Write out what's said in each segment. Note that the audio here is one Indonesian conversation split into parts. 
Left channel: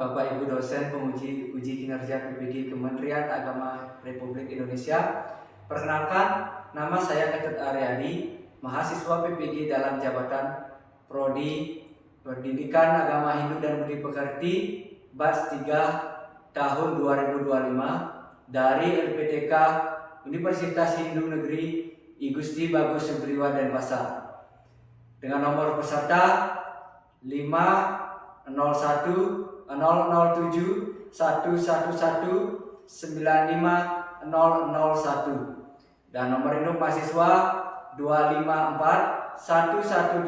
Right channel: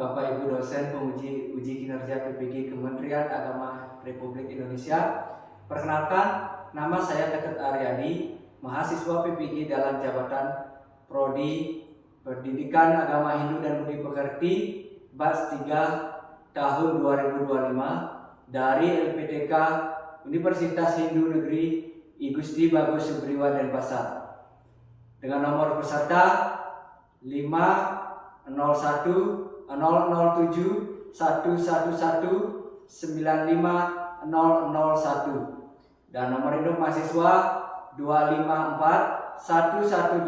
Bapak Ibu dosen penguji uji kinerja PPG Kementerian Agama Republik Indonesia. Perkenalkan, nama saya Ketut Aryadi, mahasiswa PPG dalam jabatan Prodi Pendidikan Agama Hindu dan Budi Pekerti Batch 3 tahun 2025 dari LPTK Universitas Hindu Negeri I Gusti Bagus Subriwa Denpasar dengan nomor peserta 501 007 111 95001 dan nomor induk mahasiswa 254 118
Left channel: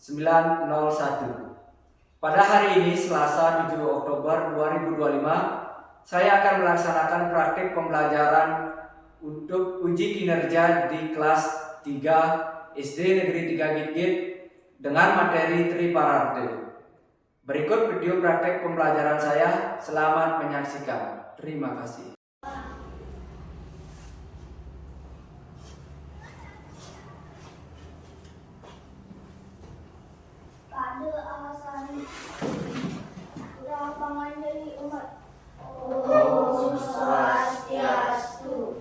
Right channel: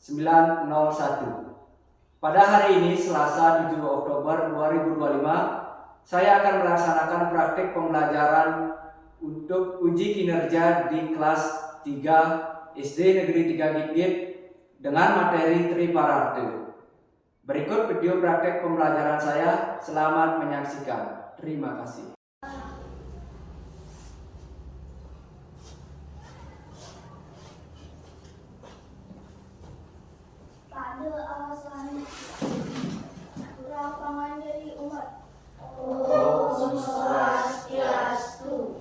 901. Pada hari ini Selasa 7 Oktober 2025, saya akan melaksanakan praktik pembelajaran untuk uji kinerja di kelas 3 SD Negeri 3 Gitgit dengan materi Triparate. Berikut video praktek pembelajaran saya. Selamat menyaksikan. Terima kasih. Pada alasan lapangan dari umat. Om Swastiastu.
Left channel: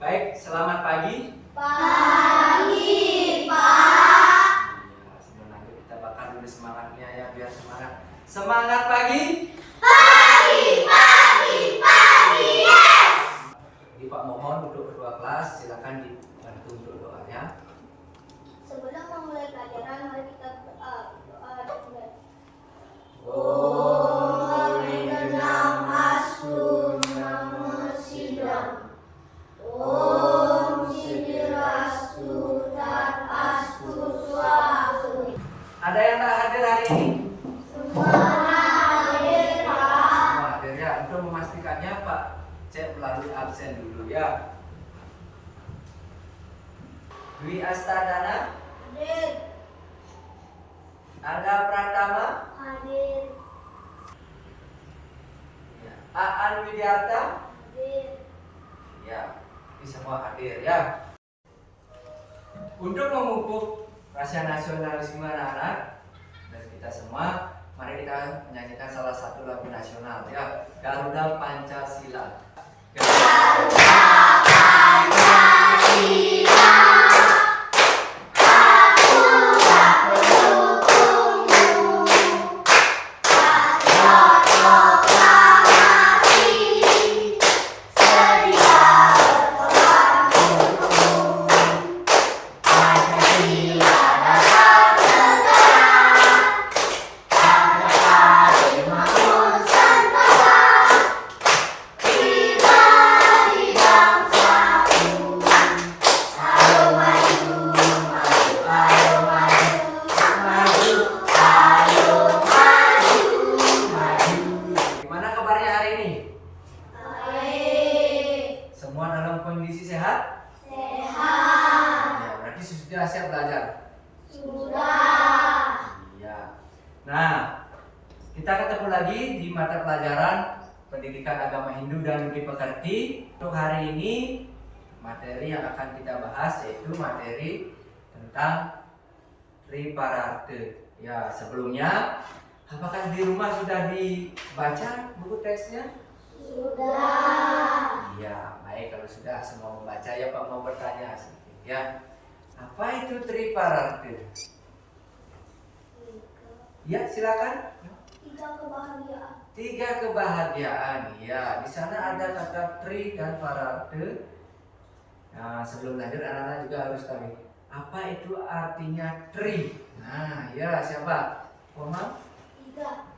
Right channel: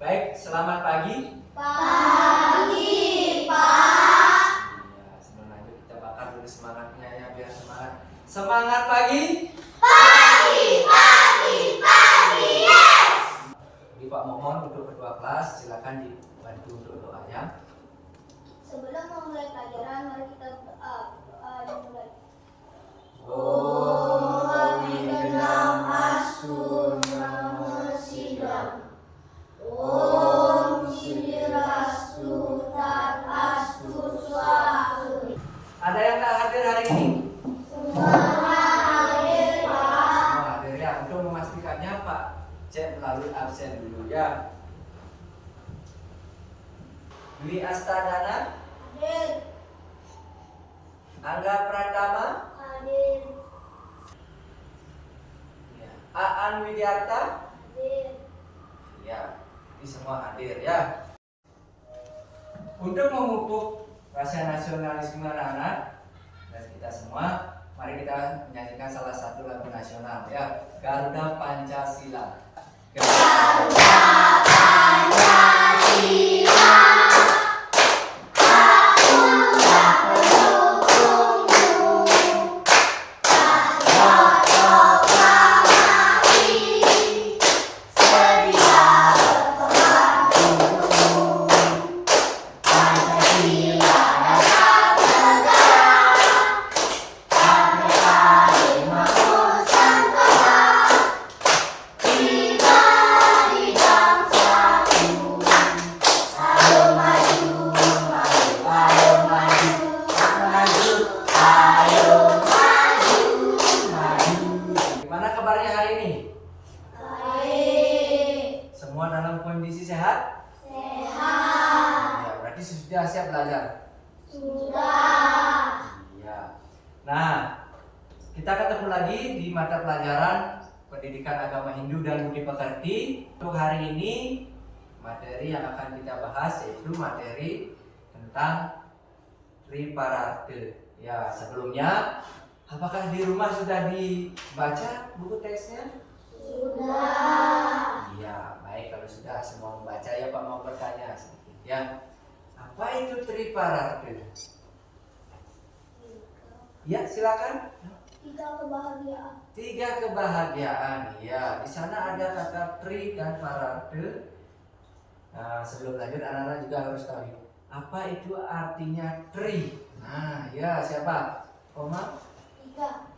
Baik, selamat pagi. Pagi, Pak. Ya, sebelum lanjut kita bakar dulu semangatnya ya, biar semangat. Semangat pagi. Pagi, yes. Jadi Pak Momon untuk ketua kelas, silakan dibantu untuk doanya. Sebelum memulai pelajaran, mari kita doa dimulai. Om Awigenam Astu Nama Sidam. Om Sidirastu Tat Astu Swastu. Ada yang tak hadir hari ini? Semua hadir, Pak. Semua hadir ya. Untuk memastikannya Pak cek melalui absen dulu ya. Dwi Astadana, Hadir. Angga Pratama, Hadir. ya. Aan Widiarta, Hadir. ya. Ini semua hadir ya. Untuk memupuk rasa nasionalisme anak-anak dan kita semua, mari kita menyanyikan salah satu lagu nasional ya, Garuda Pancasila. Garuda Pancasila. Gimana kabarnya hari ini? Baik. Semua dalam kondisi sehat? Sehat. Ya, berarti sudah siap belajar. Sudah. Iya. Nah, kita ketemu lagi di mata pelajaran Pendidikan Agama Hindu dan Budi Pekerti. Untuk hari ini, materi yang akan kita bahas yaitu materi tentang Triparate. Ya, sebelumnya, apakah di rumah sudah dibaca buku teksnya? Sudah. Iya, baik kalau sudah semua membaca ya Pak mau bertanya sedikit ya. Apa itu Triparate? Ya, silakan. Tiga kebahagiaan. 3 kebahagiaan. Ya, di sana ada kata tri dan parate. Nah, sebelum lanjut anak-anak juga harus tahu apa itu artinya tri. Nah, ya siapa? Komang?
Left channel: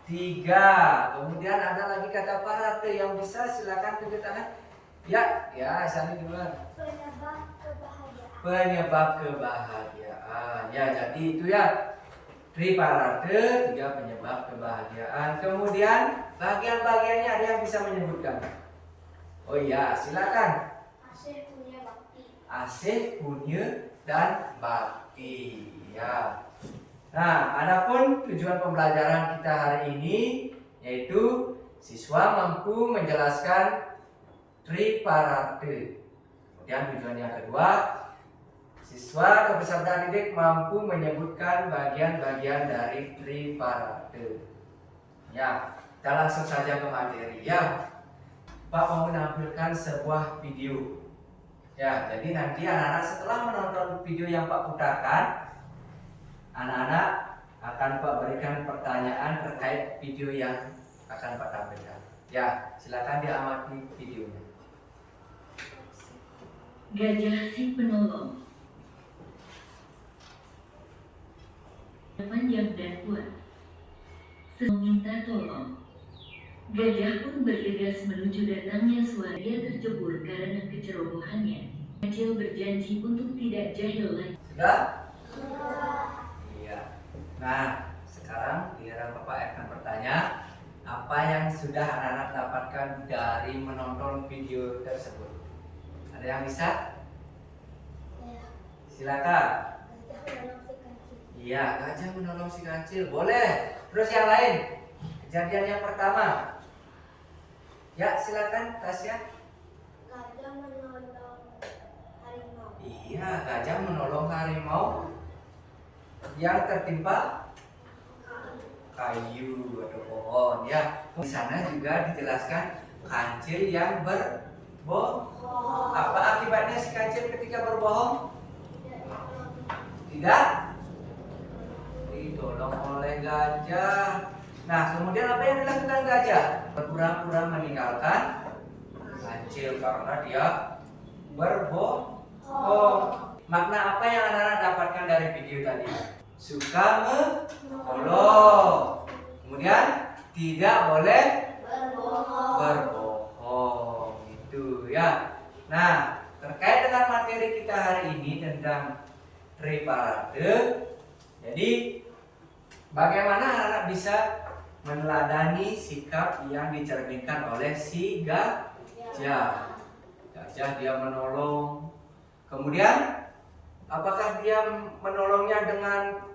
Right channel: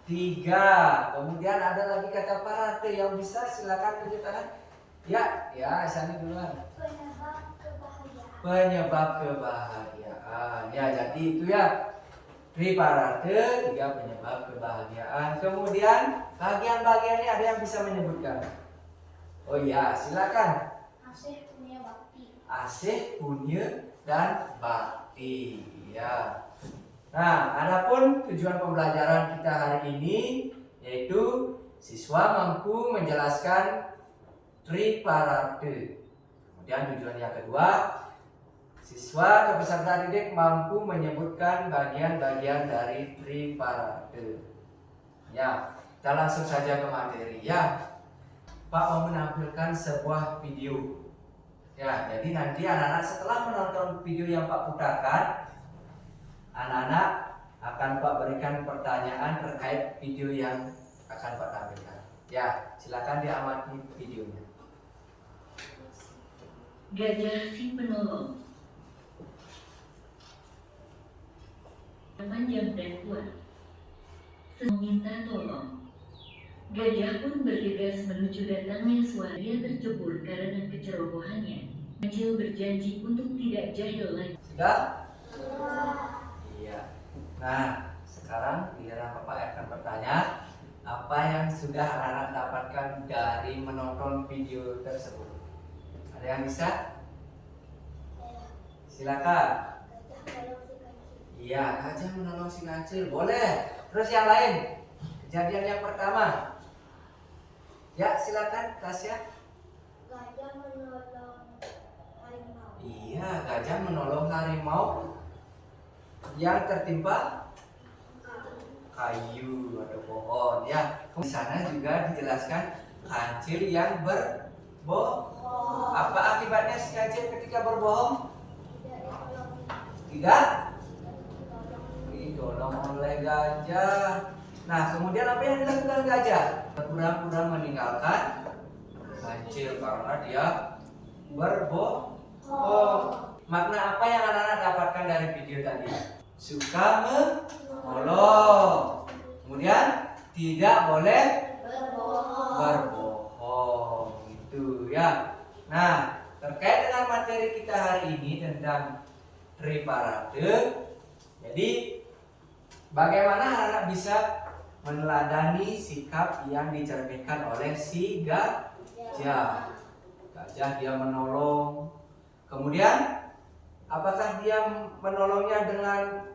3. Kemudian ada lagi kata parate yang bisa silakan tunjuk tangan. Ya, Sani duluan. Penyebab kebahagiaan. Penyebab kebahagiaan. Ya, jadi itu ya. Triparate, 3 penyebab kebahagiaan. Kemudian bagian-bagiannya ada yang bisa menyebutkan? Oh iya, silakan. Asih punya bakti. Asih, punya, dan bakti. Ya. Nah, adapun tujuan pembelajaran kita hari ini yaitu siswa mampu menjelaskan Triparate. Kemudian tujuan yang kedua, Siswa atau peserta didik mampu menyebutkan bagian-bagian dari triparate. Ya, kita langsung saja ke materi ya. Pak mau menampilkan sebuah video. Ya, jadi nanti anak-anak setelah menonton video yang Pak putarkan, anak-anak akan Pak berikan pertanyaan terkait video yang akan Pak tampilkan. Ya, silakan diamati videonya. Gajah si penolong. Panjang dan kuat. Meminta tolong. Gajah pun bergegas menuju datangnya suara. Dia tercebur karena kecerobohannya. Kecil berjanji untuk tidak jahil lagi. Sudah? Iya. Nah, sekarang giliran Bapak akan bertanya, apa yang sudah anak-anak dapatkan dari menonton video tersebut? Ada yang bisa? Silakan. Iya, gajah menolong si kancil. Boleh. Terus yang lain? Kejadian yang pertama. Ya, silakan Tasya. Gajah menolong harimau. Iya, gajah menolong harimau yang tertimpa kayu atau pohon ya. Di sana juga dijelaskan kancil yang berbohong. Apa akibatnya si kancil ketika berbohong? Tidak ditolong oleh gajah. Nah, kemudian apa yang dilakukan gajah? Berpura-pura meninggalkan kancil karena dia berbohong. Makna apa yang anak-anak dapatkan dari video tadi? Suka menolong. Kemudian tidak boleh berbohong. Itu ya. Nah, terkait dengan materi kita hari ini tentang triparate. Jadi bagaimana anak-anak bisa meneladani sikap yang dicerminkan oleh si gajah. Gajah dia menolong. Kemudian apakah dia menolongnya dengan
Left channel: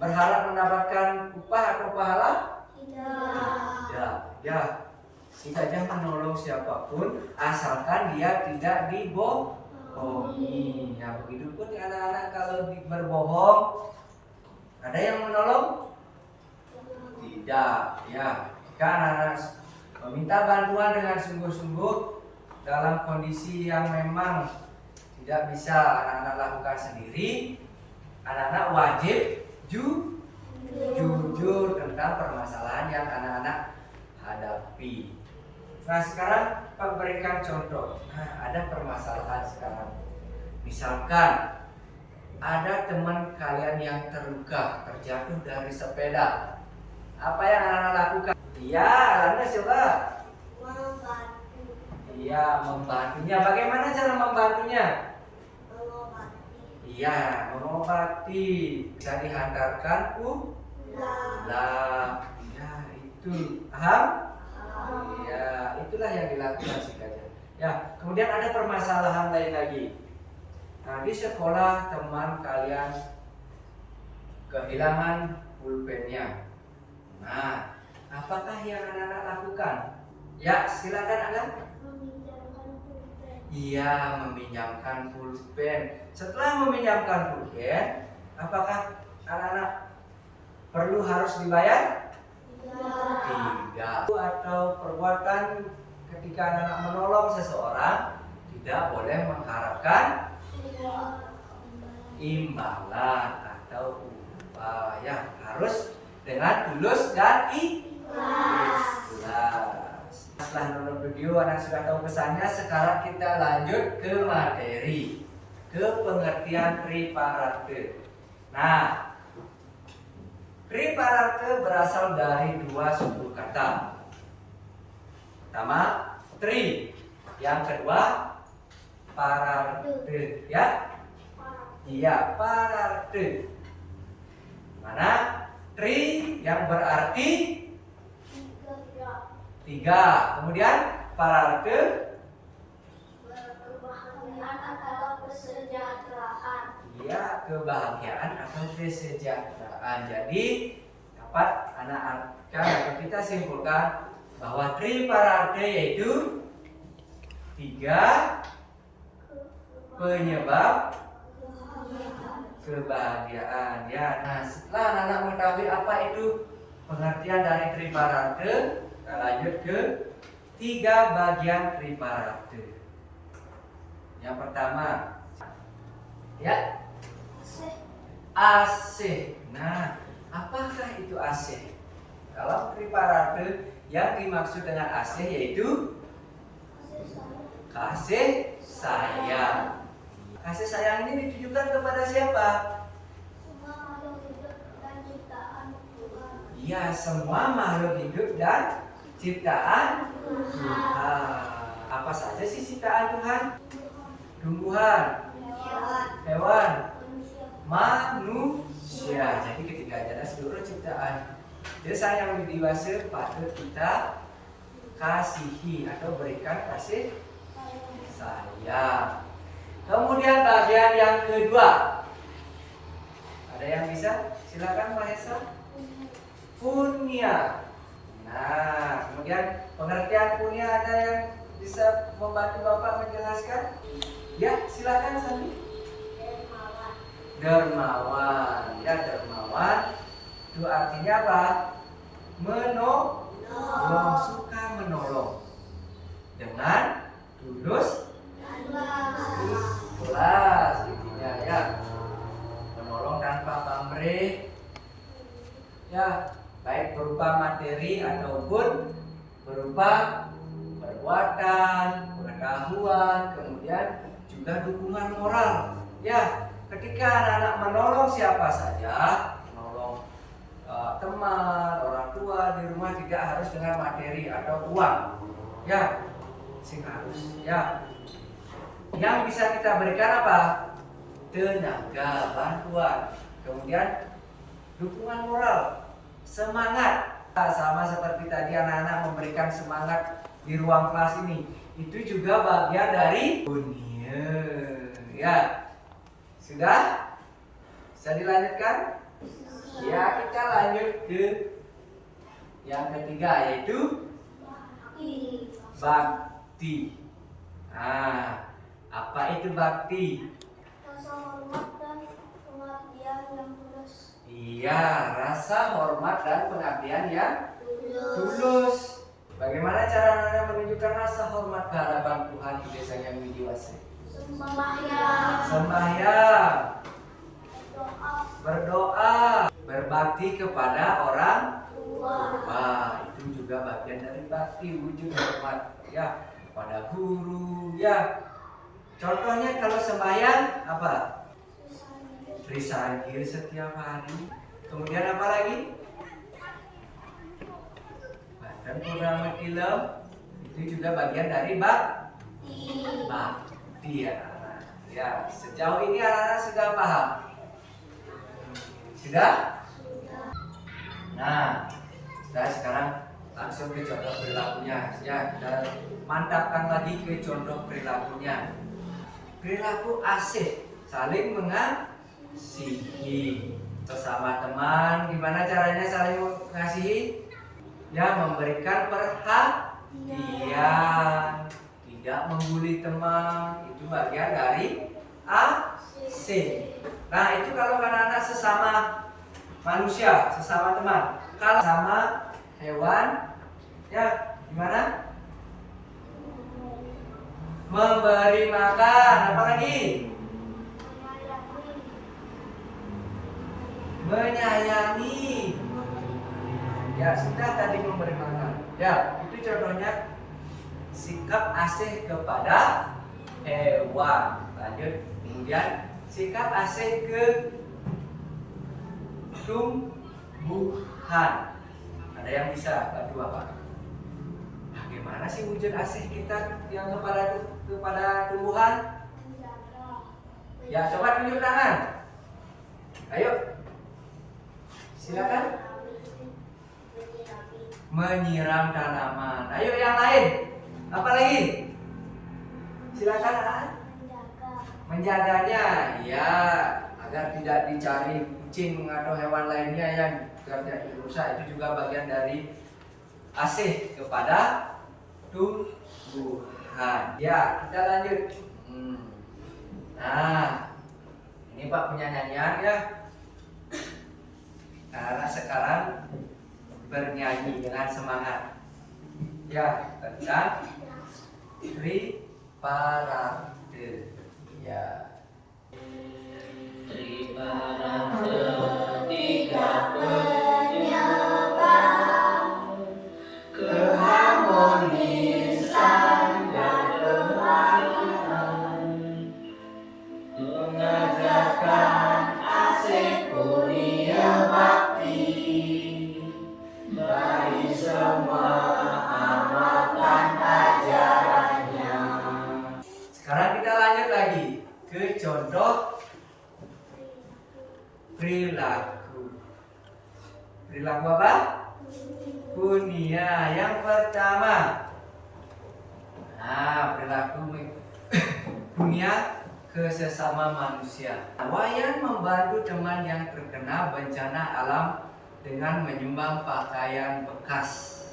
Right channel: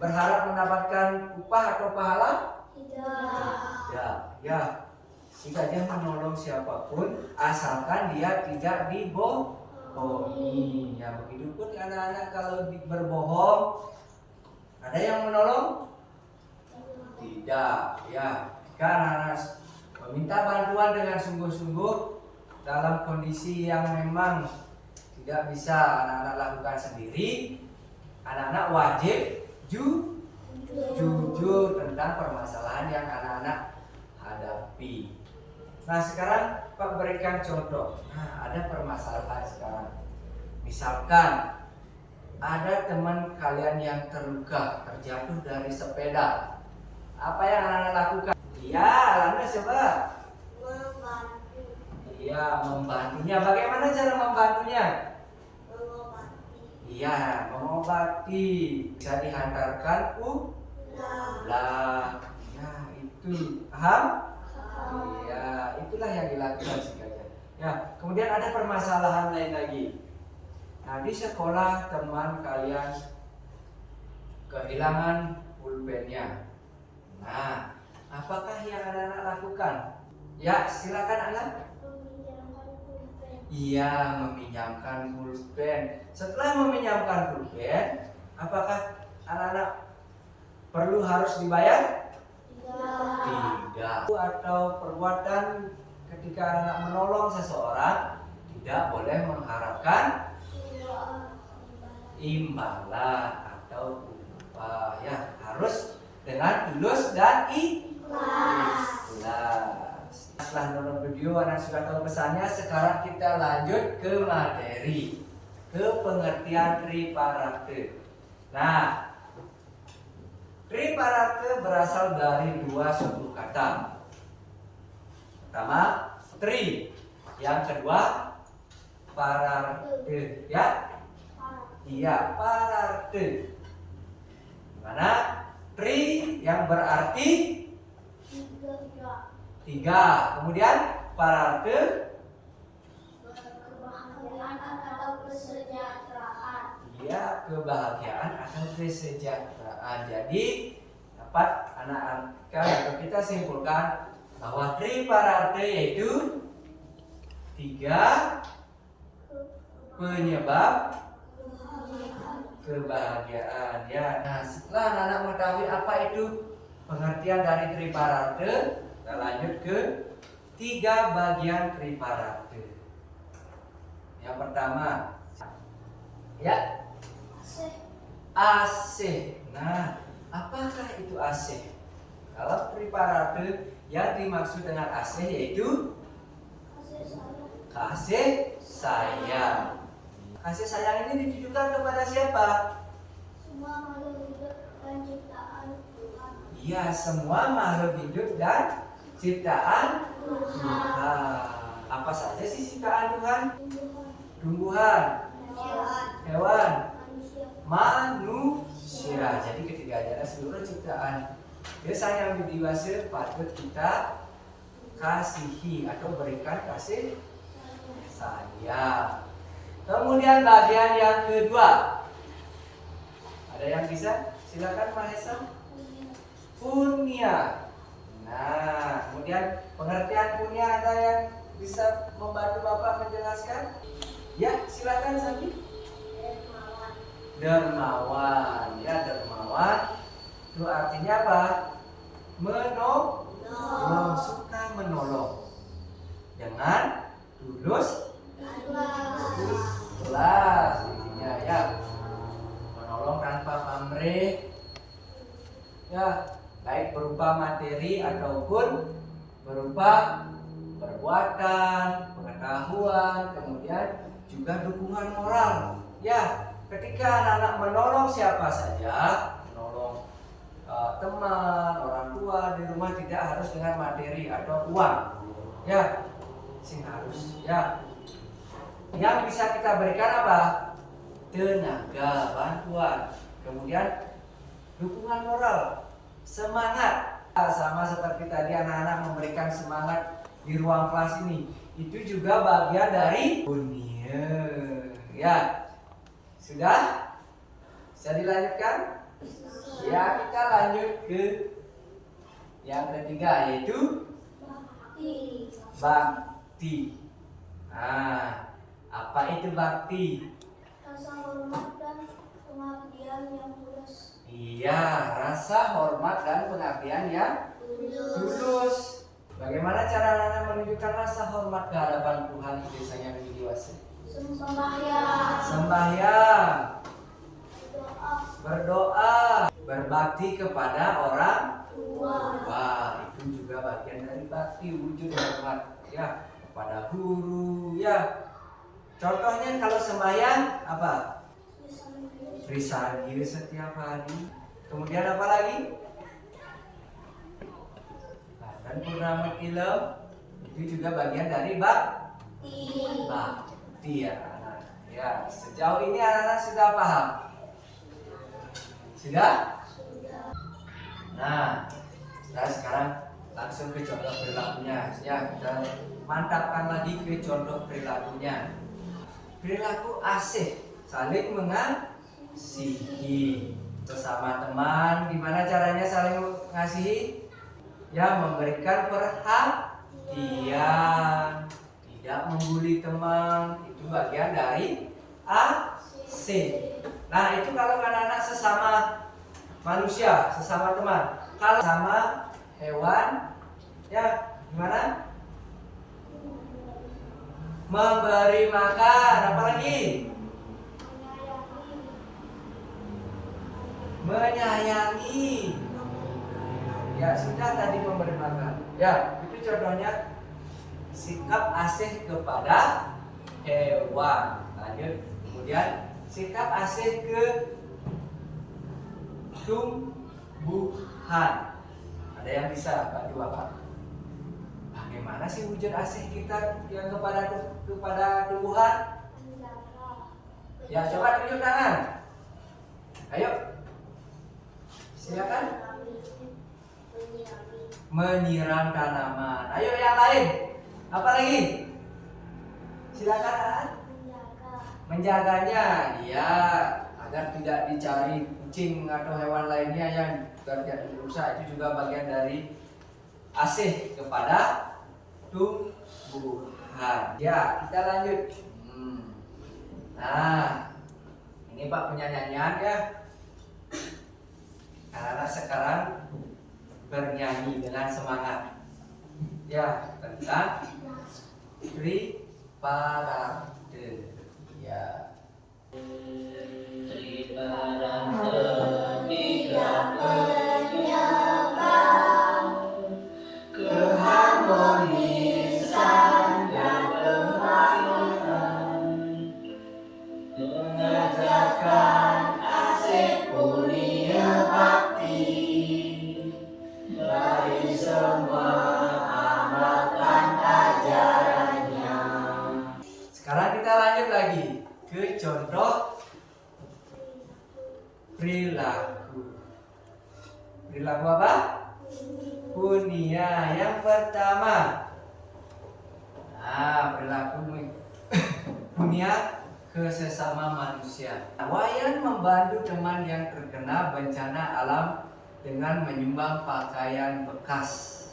berharap mendapatkan upah atau pahala? Tidak. Ya, si gajah menolong siapapun asalkan dia tidak dibohongi. Ya, begitu pun anak-anak kalau berbohong, ada yang menolong? Tidak. Ya, jika anak-anak meminta bantuan dengan sungguh-sungguh dalam kondisi yang memang tidak bisa anak-anak lakukan sendiri, anak-anak wajib jujur tentang permasalahan yang anak-anak hadapi. Nah, sekarang Pak berikan contoh. Nah, ada permasalahan sekarang. Misalkan ada teman kalian yang terluka, terjatuh dari sepeda. Apa yang anak-anak lakukan? Iya, Anda coba. Iya, membantunya. Bagaimana cara membantunya? Iya, mengobati. Bisa dihantarkan pulang. Ya, itu. Paham? Iya, itulah yang dilakukan si gajah. Ya, kemudian ada permasalahan lain lagi. Nah, di sekolah teman kalian kehilangan pulpennya. Nah, apakah yang anak-anak lakukan? Ya, silakan Anda. Iya, meminjamkan pulpen. Setelah meminjamkan pulpen, apakah anak-anak perlu harus dibayar? Tidak. Atau perbuatan ketika anak-anak menolong seseorang tidak boleh mengharapkan imbalan atau upah. Ya, harus dengan tulus dan ikhlas. Setelah nonton video anak sudah tahu pesannya, sekarang kita lanjut ke materi, ke pengertian triparate. Nah, triparate berasal dari dua suku kata. Pertama, tri. Yang kedua, pararte. Ya? Iya, pararte. Mana? Tri yang berarti tiga. Kemudian pararte Kebahagiaan atau kesejahteraan. Iya, kebahagiaan atau kesejahteraan. Jadi dapat anak-anak atau kita simpulkan bahwa triparate yaitu tiga penyebab Kebahagiaan. Ya. Nah, setelah anak mengetahui apa itu pengertian dari triparate, kita lanjut ke 3 bagian triparate. Yang pertama, ya, AC. Nah, apakah itu AC? Kalau triparate yang dimaksud dengan AC yaitu kasih sayang. Kasih sayang ini ditujukan kepada siapa? Semua makhluk hidup dan ciptaan Tuhan. Iya, semua makhluk hidup dan ciptaan Tuhan. Apa saja sih ciptaan Tuhan? Tumbuhan, hewan, manusia. Jadi ketiganya adalah seluruh ciptaan. Desa yang dewasa patut kita kasihi atau berikan kasih sayang. Kemudian bagian yang kedua, ada yang bisa? Silakan Pak Hesa. Punya. Nah, kemudian pengertian punya ada yang bisa membantu Bapak menjelaskan? Ya, silakan Sandi. Dermawan. Ya, dermawan. Itu artinya apa? Menolong, suka menolong. Dengan tulus ikhlas intinya ya. Menolong tanpa pamrih. Ya, baik berupa materi ataupun berupa perbuatan, pengetahuan, kemudian juga dukungan moral. Ya, ketika anak-anak menolong siapa saja, menolong teman, orang tua di rumah, tidak harus dengan materi atau uang. Ya, sing harus ya. Yang bisa kita berikan apa? Tenaga, bantuan, kemudian dukungan moral, semangat. Sama seperti tadi anak-anak memberikan semangat di ruang kelas ini, itu juga bagian dari dunia. Ya, sudah? Bisa dilanjutkan? Ya, kita lanjut ke yang ketiga, yaitu bakti. Nah, apa itu bakti? Rasa hormat dan pengabdian yang tulus. Iya, rasa hormat dan pengabdian yang tulus. Bagaimana cara Anda menunjukkan rasa hormat ke hadapan Tuhan di desa yang dewasa? Sembahyang, berdoa, berbakti kepada orang tua. Itu juga bagian dari bakti, wujud hormat ya kepada guru ya. Contohnya kalau sembahyang apa? Risagir setiap hari. Kemudian apa lagi? Dan purnama kilau itu juga bagian dari bakti ya. Ya, sejauh ini anak-anak sudah paham? Sudah? Nah, sekarang langsung ke contoh perilakunya. Ya, kita mantapkan lagi ke contoh perilakunya. Perilaku asih, saling mengasihi sesama teman. Gimana caranya saling mengasihi? Ya, memberikan perhatian, tidak membuli teman, itu bagian dari AC. Nah, itu kalau anak-anak sesama manusia, sesama teman. Kalau sama hewan, ya gimana? Memberi makan, apa lagi? Menyayangi. Ya, sudah tadi memberi makan. Ya, itu contohnya sikap asih kepada hewan. Lanjut, kemudian sikap asih ke tumbuhan. Ada yang bisa bantu Bapak? Bagaimana sih wujud asih kita yang kepada tumbuhan? Ya, coba tunjuk tangan. Ayo, silakan. Menyiram tanaman. Ayo yang lain. Apa lagi? Silakan. Menjaganya, ya, agar tidak dicari kucing atau hewan lainnya yang tidak rusak. Itu juga bagian dari asih kepada tumbuhan. Ya, kita lanjut. Nah, Ini Pak punya nyanyian ya. Anak-anak sekarang bernyanyi dengan semangat. Ya, tentang triparade. Ya. Triparade tiga penyebab keharmonisan dan kemakmuran, mengajarkan asik punya bakti bagi semua amalkan ajarannya. Sekarang kita lanjut lagi ke contoh perilaku. Perilaku apa? Punia. Yang pertama. Nah, perilaku punia ke sesama manusia. Wayan membantu teman yang terkena bencana alam dengan menyumbang pakaian bekas.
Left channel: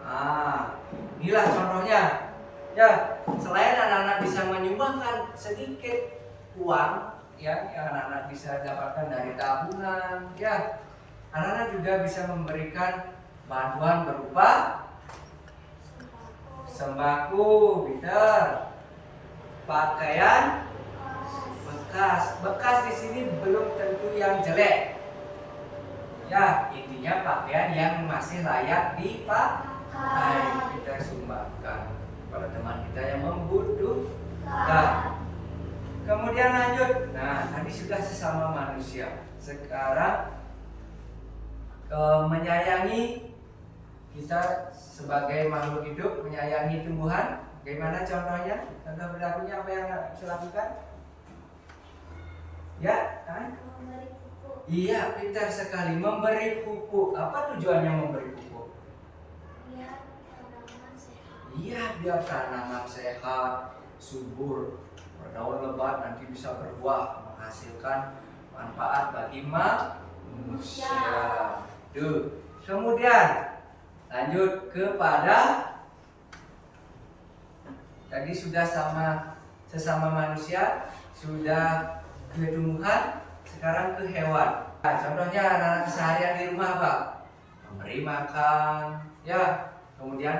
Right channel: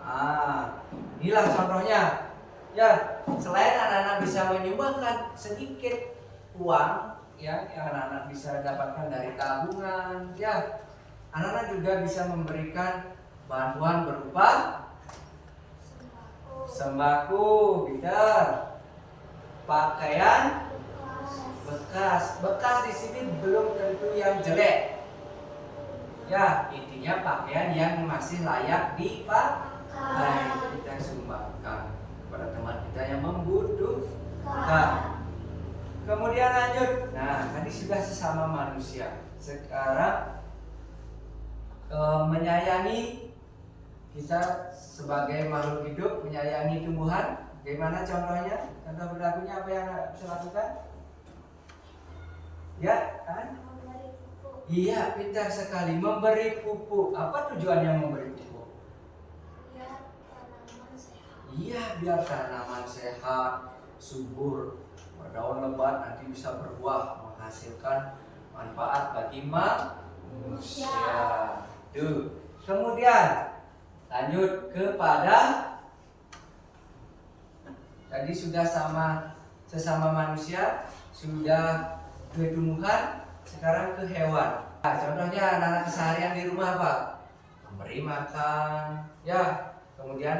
Nah, inilah contohnya. Ya, selain anak-anak bisa menyumbangkan sedikit uang ya, yang anak-anak bisa dapatkan dari tabungan, ya, anak-anak juga bisa memberikan bantuan berupa sembako, Peter, pakaian bekas. Bekas di sini belum tentu yang jelek. Ya, intinya pakaian yang masih layak dipakai kita sumbangkan kepada teman kita yang membutuhkan. Kemudian lanjut. Nah, tadi sudah sesama manusia. Sekarang menyayangi, kita sebagai makhluk hidup menyayangi tumbuhan. Bagaimana contohnya? Contoh perilakunya apa yang bisa lakukan? Ya, kan? Memberi pupuk. Iya, pintar sekali. Memberi pupuk. Apa tujuannya memberi pupuk? Biar tanaman sehat. Iya, biar tanaman sehat, subur, berdaun lebat, nanti bisa berbuah, menghasilkan manfaat bagi manusia. Tuh. Kemudian lanjut kepada tadi sudah sesama manusia, sudah ke tumbuhan, sekarang ke hewan. Nah, contohnya anak-anak keseharian di rumah apa? Memberi makan, ya. Kemudian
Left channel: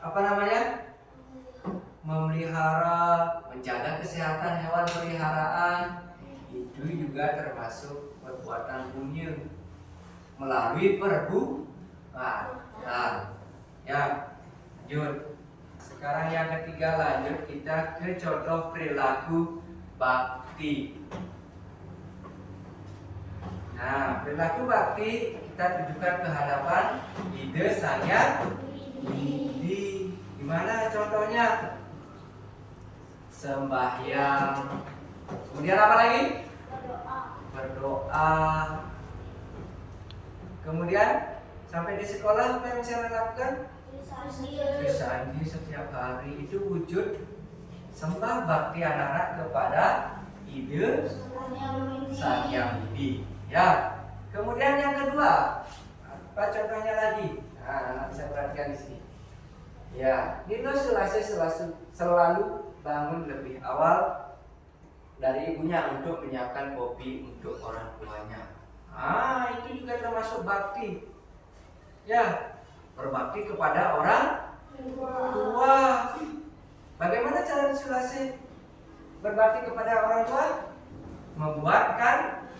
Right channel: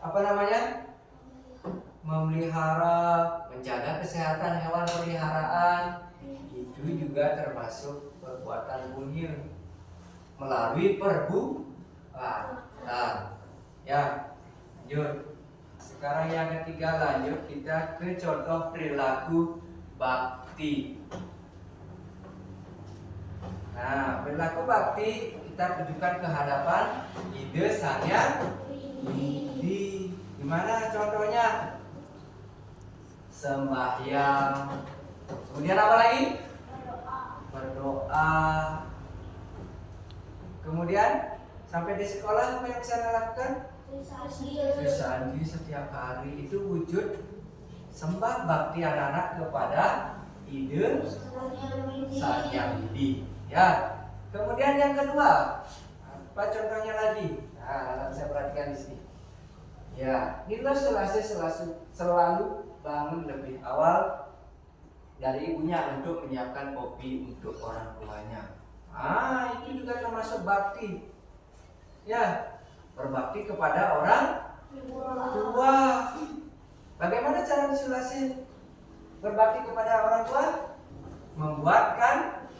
apa namanya? Memelihara, menjaga kesehatan hewan peliharaan. Itu juga termasuk perbuatan punya melalui perbuatan. Ya, lanjut. Sekarang yang ketiga, lanjut kita ke contoh perilaku bakti. Nah, perilaku bakti kita tujukan ke hadapan ide Sang Hyang Widi. Gimana contohnya? Sembahyang. Kemudian apa lagi? Berdoa. Kemudian sampai di sekolah apa yang bisa Anda lakukan? Bersandi setiap hari. Itu wujud sembah bakti anak-anak kepada ide Sang Hyang Widi. Ya. Kemudian yang kedua, apa contohnya lagi? Nah, anak-anak bisa perhatikan di sini. Ya, Nilo selalu bangun lebih awal dari ibunya untuk menyiapkan kopi untuk orang tuanya. Ah, itu juga termasuk bakti. Ya, berbakti kepada orang tua. Bagaimana cara Sulasi berbakti kepada orang tua? Membuatkan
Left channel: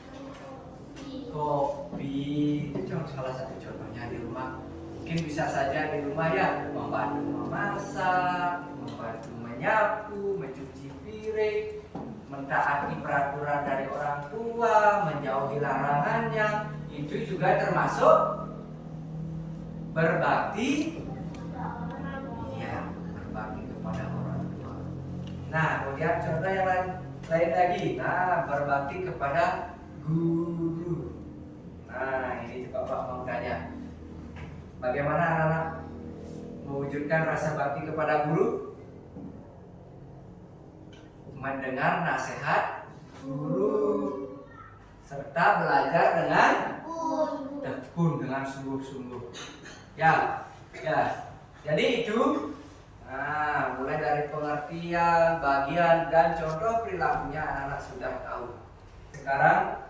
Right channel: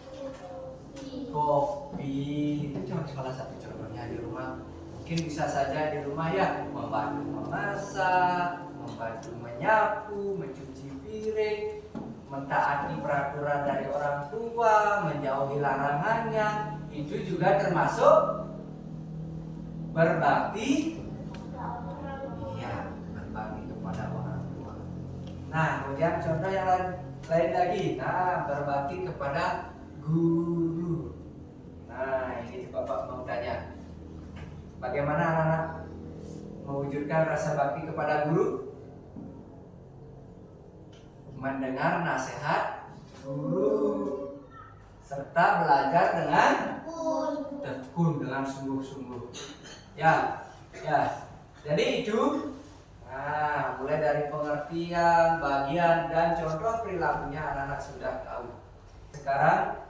kopi. Itu salah satu contohnya di rumah. Mungkin bisa saja di rumah ya, membantu memasak, membantu menyapu, mencuci piring, mentaati peraturan dari orang tua, menjauhi larangannya. Itu juga termasuk berbakti. Iya, berbakti kepada orang tua. Nah, kemudian contoh yang lain lagi. Nah, berbakti kepada guru. Nah, ini Bapak mau tanya, bagaimana anak-anak mewujudkan rasa bakti kepada guru? Mendengar nasihat guru serta belajar dengan tekun, dengan sungguh-sungguh. Ya. Jadi itu, mulai dari pengertian, bagian dan contoh perilakunya anak-anak sudah tahu. Sekarang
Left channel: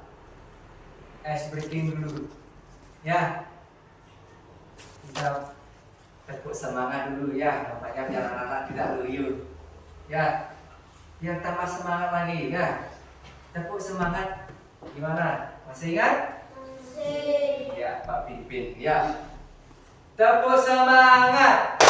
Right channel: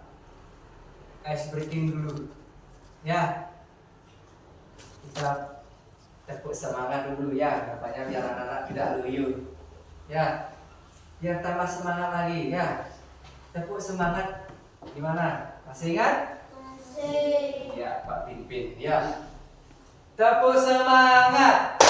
ice breaking dulu. Ya. Kita tepuk semangat dulu ya, bapaknya biar anak-anak tidak loyo. Ya. Biar tambah semangat lagi ya. Tepuk semangat. Gimana? Masih ingat? Masih. Ya, Pak Pimpin. Ya. Tepuk semangat.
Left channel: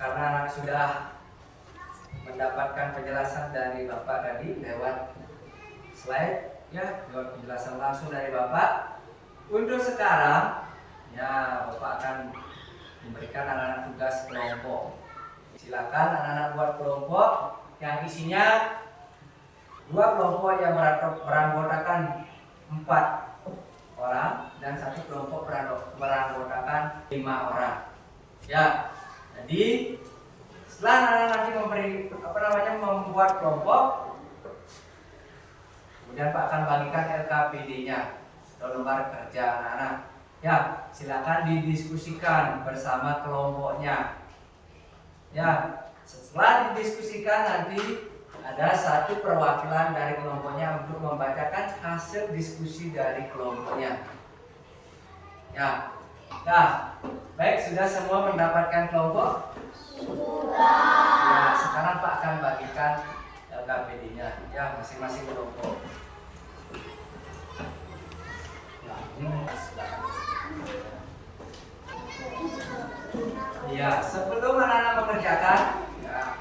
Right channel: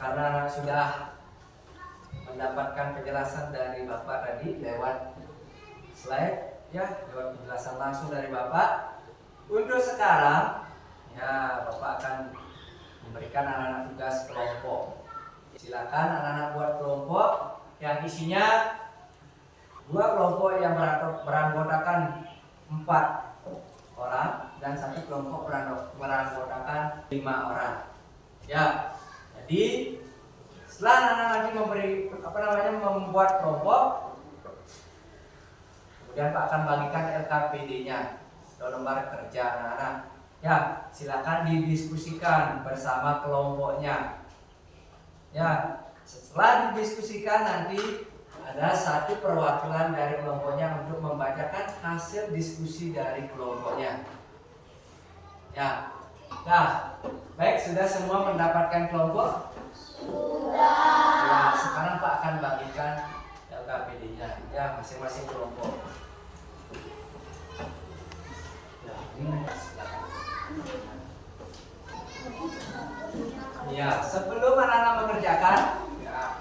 Karena anak sudah mendapatkan penjelasan dari Bapak tadi lewat slide ya, lewat penjelasan langsung dari Bapak. Untuk sekarang ya, Bapak akan memberikan anak-anak tugas kelompok. Silakan anak-anak buat kelompok yang isinya 2 kelompok yang beranggotakan 4 orang dan 1 kelompok beranggotakan 5 orang. Ya. Jadi setelah anak-anak nanti membuat kelompok, kemudian Pak akan bagikan LKPD-nya atau lembar kerja anak-anak. Ya, silakan didiskusikan bersama kelompoknya. Ya, setelah didiskusikan nanti ada 1 perwakilan dari kelompoknya untuk membacakan hasil diskusi dari kelompoknya. Ya. Nah, baik, sudah semua mendapatkan kelompok? Sudah. Ya, sekarang Pak akan bagikan LKPD-nya ya, masing-masing kelompok. Ya, ini silakan. Ya, sebelum anak-anak mengerjakan, ya,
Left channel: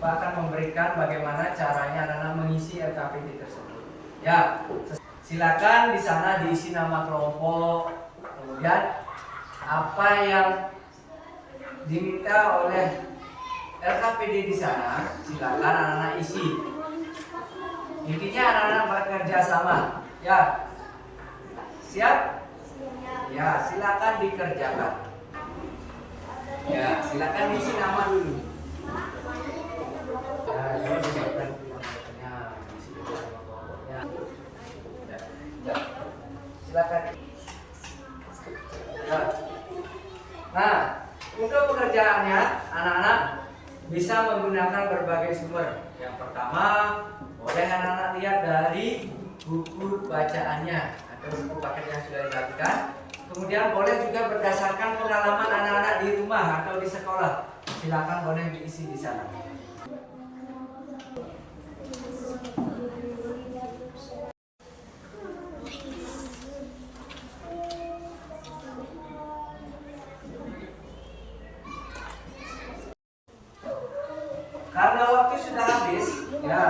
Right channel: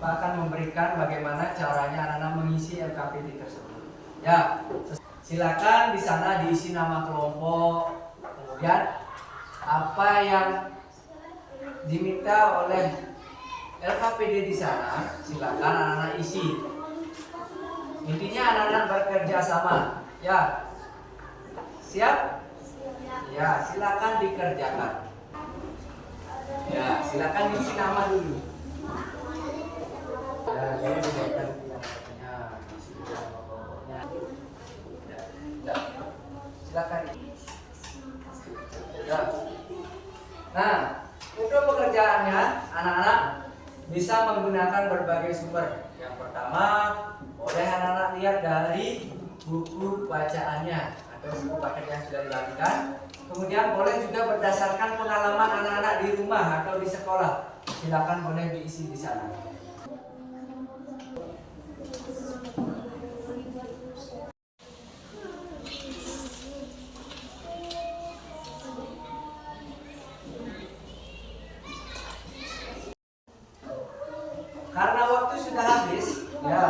Pak akan memberikan bagaimana caranya anak-anak mengisi LKPD tersebut. Ya, silakan di sana diisi nama kelompok, kemudian apa yang diminta oleh LKPD di sana, silakan anak-anak isi. Intinya anak-anak bekerja sama, ya. Siap? Ya, silakan dikerjakan. Ya, silakan isi nama dulu. Ya, kalau dibuatkan kelompoknya, isi nama kelompoknya. Ya, silakan. Ya. Nah, untuk pekerjaannya, anak-anak bisa menggunakan berbagai sumber. Yang pertama, boleh anak-anak lihat dari buku bacaannya atau buku paket yang sudah dibagikan. Kemudian boleh juga berdasarkan pengalaman anak-anak di rumah atau di sekolah. Silakan boleh diisi di sana. Karena waktu sudah habis, ya.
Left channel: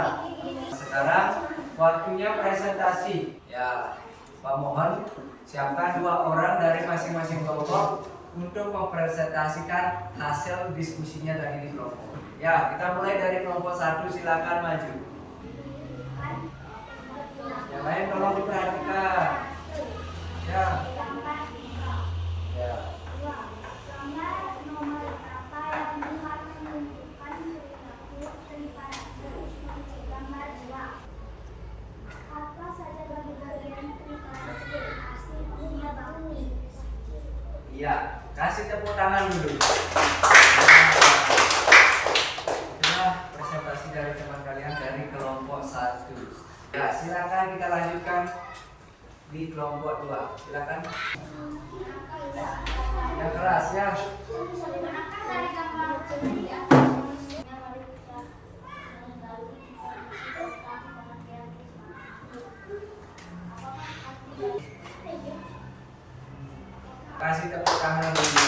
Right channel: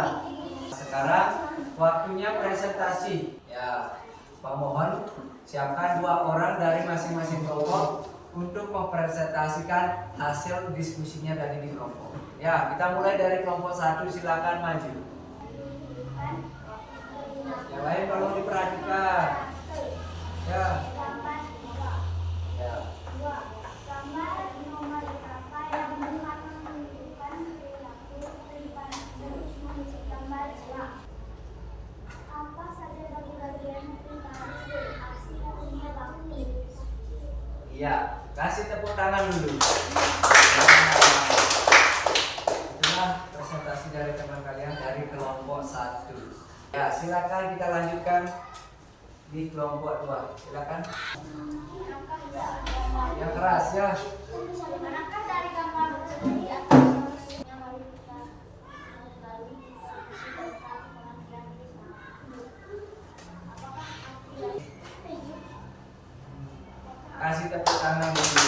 Sekarang waktunya presentasi. Ya, Pak mohon siapkan 2 orang dari masing-masing kelompok untuk mempresentasikan hasil diskusinya tadi di kelompok. Ya, kita mulai dari kelompok 1, silakan maju. Yang lain tolong diperhatikan. Ya. Ya. Apa saja bagian prinsip punya bakmi? Iya, kasih tepuk tangan dulu. Itulah presentasi dari teman kalian dari kelompok 1. Ya, silakan kita lanjutkan di kelompok 2. Silakan. Yang keras ya. Manakah dari gambar di atas manusia? Mari kita kembali kita diskusi tentang pengertian apakah arti Kasih tepuk tangan dulu.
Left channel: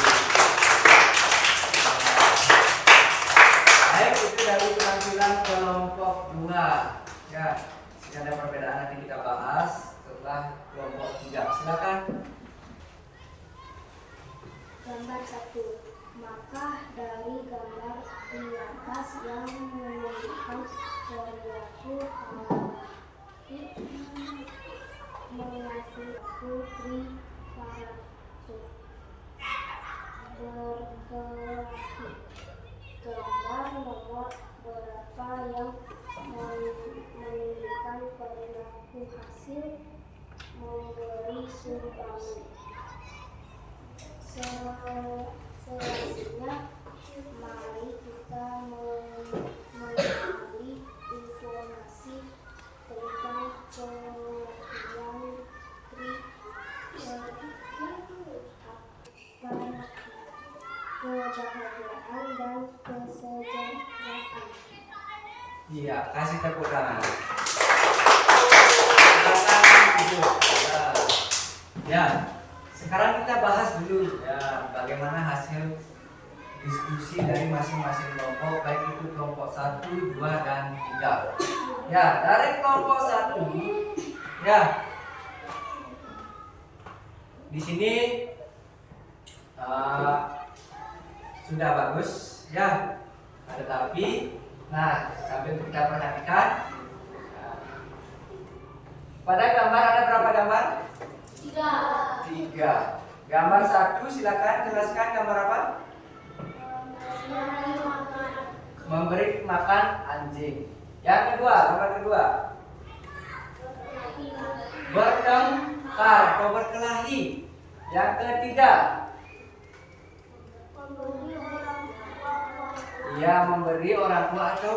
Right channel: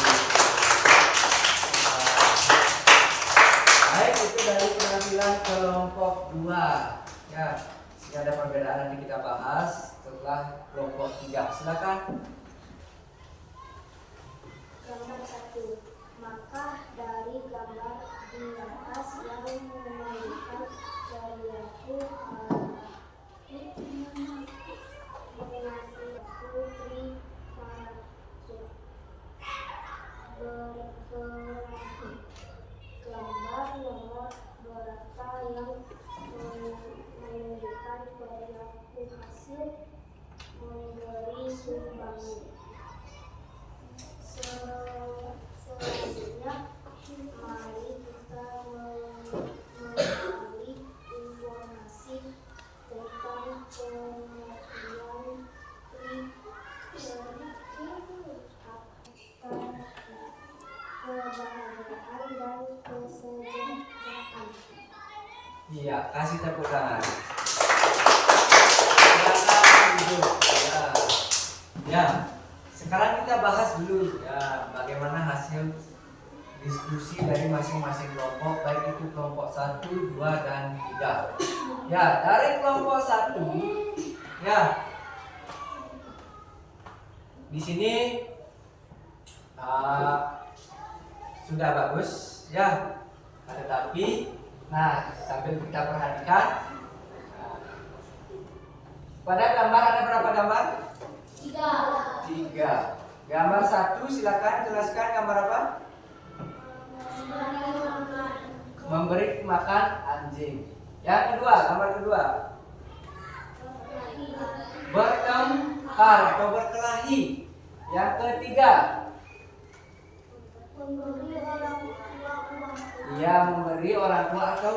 Baik, itu dari penampilan kelompok 2. Ya, sini ada perbedaan nanti kita bahas setelah kelompok 3. Silakan. Gambar 1. Maka dari gambar di atas yang menunjukkan perilaku mengasihi putri berkelahi. Gambar nomor berapa yang menunjukkan perilaku hasil memberi sumbangan. Selanjutnya Mari kita mengenali informasi tentang kebahagiaan dan kesejahteraan. Iya, kasih tepuk tangan. Silakan duduk. Ya, sekarang kita bahas dulu ya bagaimana hasil diskusi dari masing-masing kelompok, baik itu kelompok 1, 2, dan 3. Ya, dari kelompok 1, ya, di sini sudah bagus, ya. Ada tapi, nah sambil kita perhatikan, pada gambar ada berapa gambar? 3. Gambar 1, silakan jelaskan gambar apa? Memberi makan anjing. Yang kedua, gambar kedua. Bertengkar atau berkelahi. Yang ketiga. Ia memberi orang tua atau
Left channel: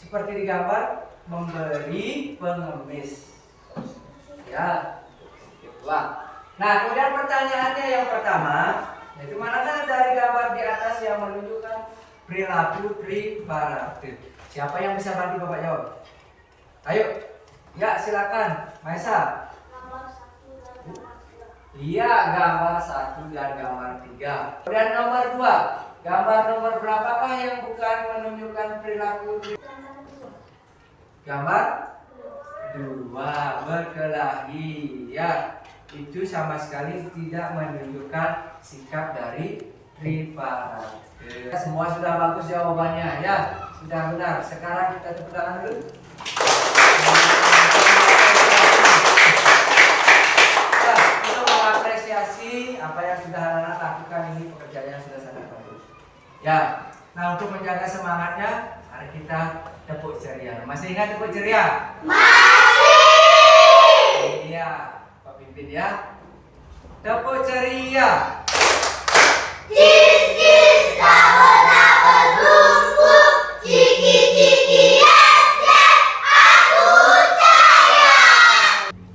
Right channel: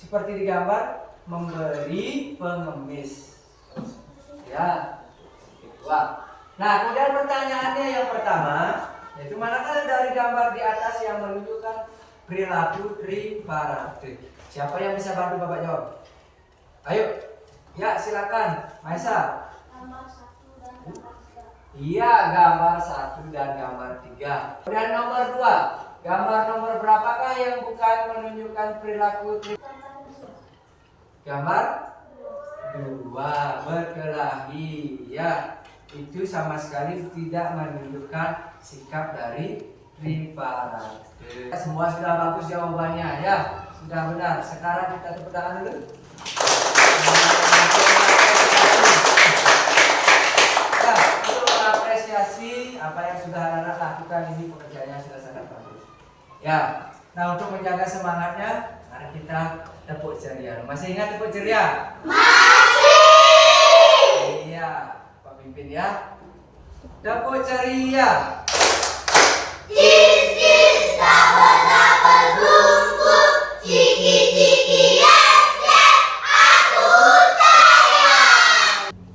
seperti di gambar memberi pengemis. Ya, kedua. Nah, kemudian pertanyaannya yang pertama, yaitu manakah dari gambar di atas yang menunjukkan perilaku tripartite? Siapa yang bisa bantu Bapak jawab? Ayo, ya silakan, Maesa. Gambar 1 dan gambar 3. Iya, gambar 1 dan gambar 3. Dan nomor 2, gambar nomor berapakah yang bukan menunjukkan perilaku tripartite? Gambar 2, berkelahi. Ya, itu sama sekali tidak menunjukkan sikap dari tripartite. Semua sudah bagus jawabannya, ya. Sudah benar. Sekarang kita tepuk tangan dulu. Ya, untuk mengapresiasi apa yang sudah anak-anak lakukan, ini pekerjaannya sudah sangat bagus. Ya, nah untuk menjaga semangatnya, mari kita tepuk ceria. Masih ingat tepuk ceria? Masih. Iya, pemimpin ya. Tepuk ceria.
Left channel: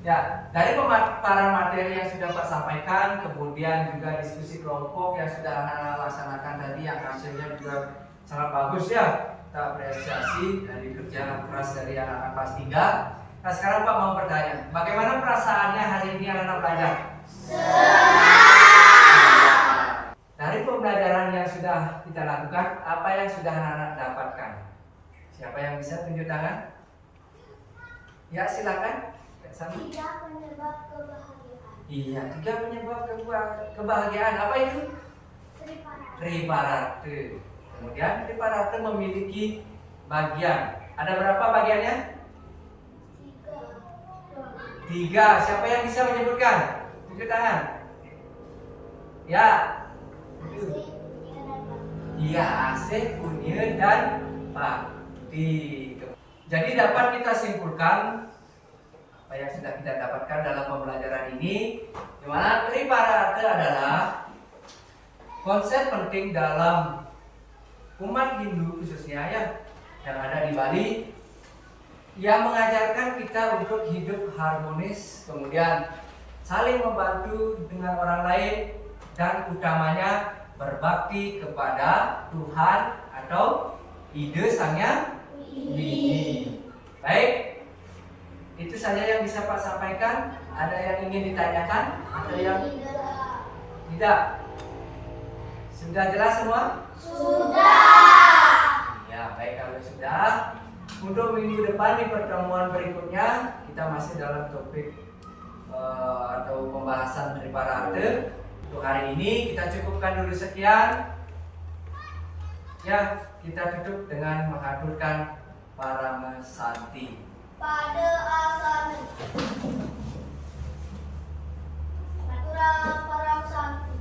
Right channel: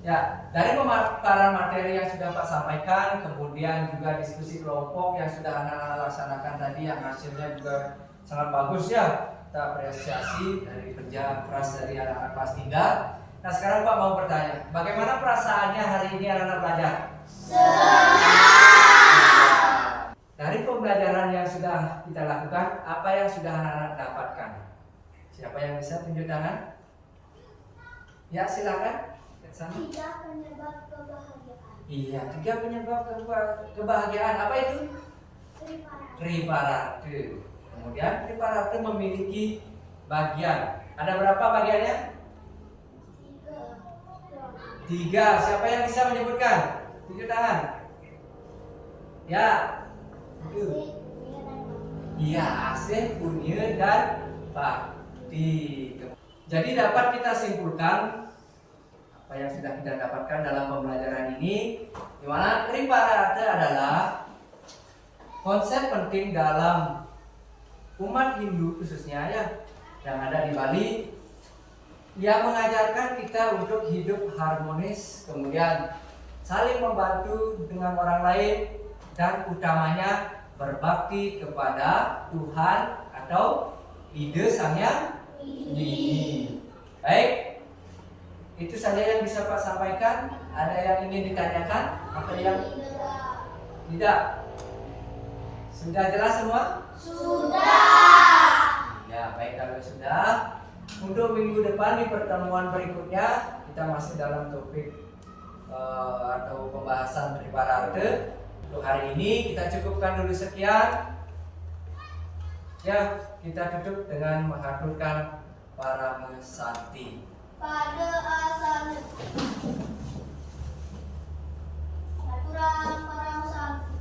Ya, dari pemaparan materi yang sudah Pak sampaikan, kemudian juga diskusi kelompok yang sudah anak-anak laksanakan tadi, yang hasilnya juga sangat bagus ya. Kita apresiasi dari kerja keras dari anak-anak kelas 3. Nah sekarang Pak mau bertanya, bagaimana perasaannya hari ini anak-anak belajar? Dari pembelajaran yang sudah kita lakukan, apa yang sudah anak-anak dapatkan? Siapa yang bisa tunjuk tangan? Ya silakan. 3 penyebab kebahagiaan. Iya, 3 penyebab kebahagiaan. Apa itu? Tripartite. Kemudian tripartite memiliki bagian. Ada berapa bagiannya? 3. Siapa yang bisa menyebutkan? Tunjuk tangan. Ya. Iya, AC, Unir, dan Bakti. Jadi dapat kita simpulkan apa yang sudah kita dapatkan dalam pembelajaran ini, di mana tripartite adalah konsep penting dalam umat Hindu khususnya ya, yang ada di Bali, yang mengajarkan kita untuk hidup harmonis, kemudian saling membantu dengan orang lain, dan utamanya berbakti kepada Tuhan atau ide Sang Hyang Widi. Baik, itu saja yang bisa Pak sampaikan. Ada yang ingin ditanyakan atau yang tidak? Sudah jelas semua? Sudah. Ya, baik kalau sudah. Untuk minggu depan di pertemuan berikutnya kita masih dalam topik atau pembahasan tripartite. Untuk hari ini kita cukupkan dulu sekian. Ya, kita tutup dengan mengaturkan Parama Santi. Pada asana. Naturam param santi.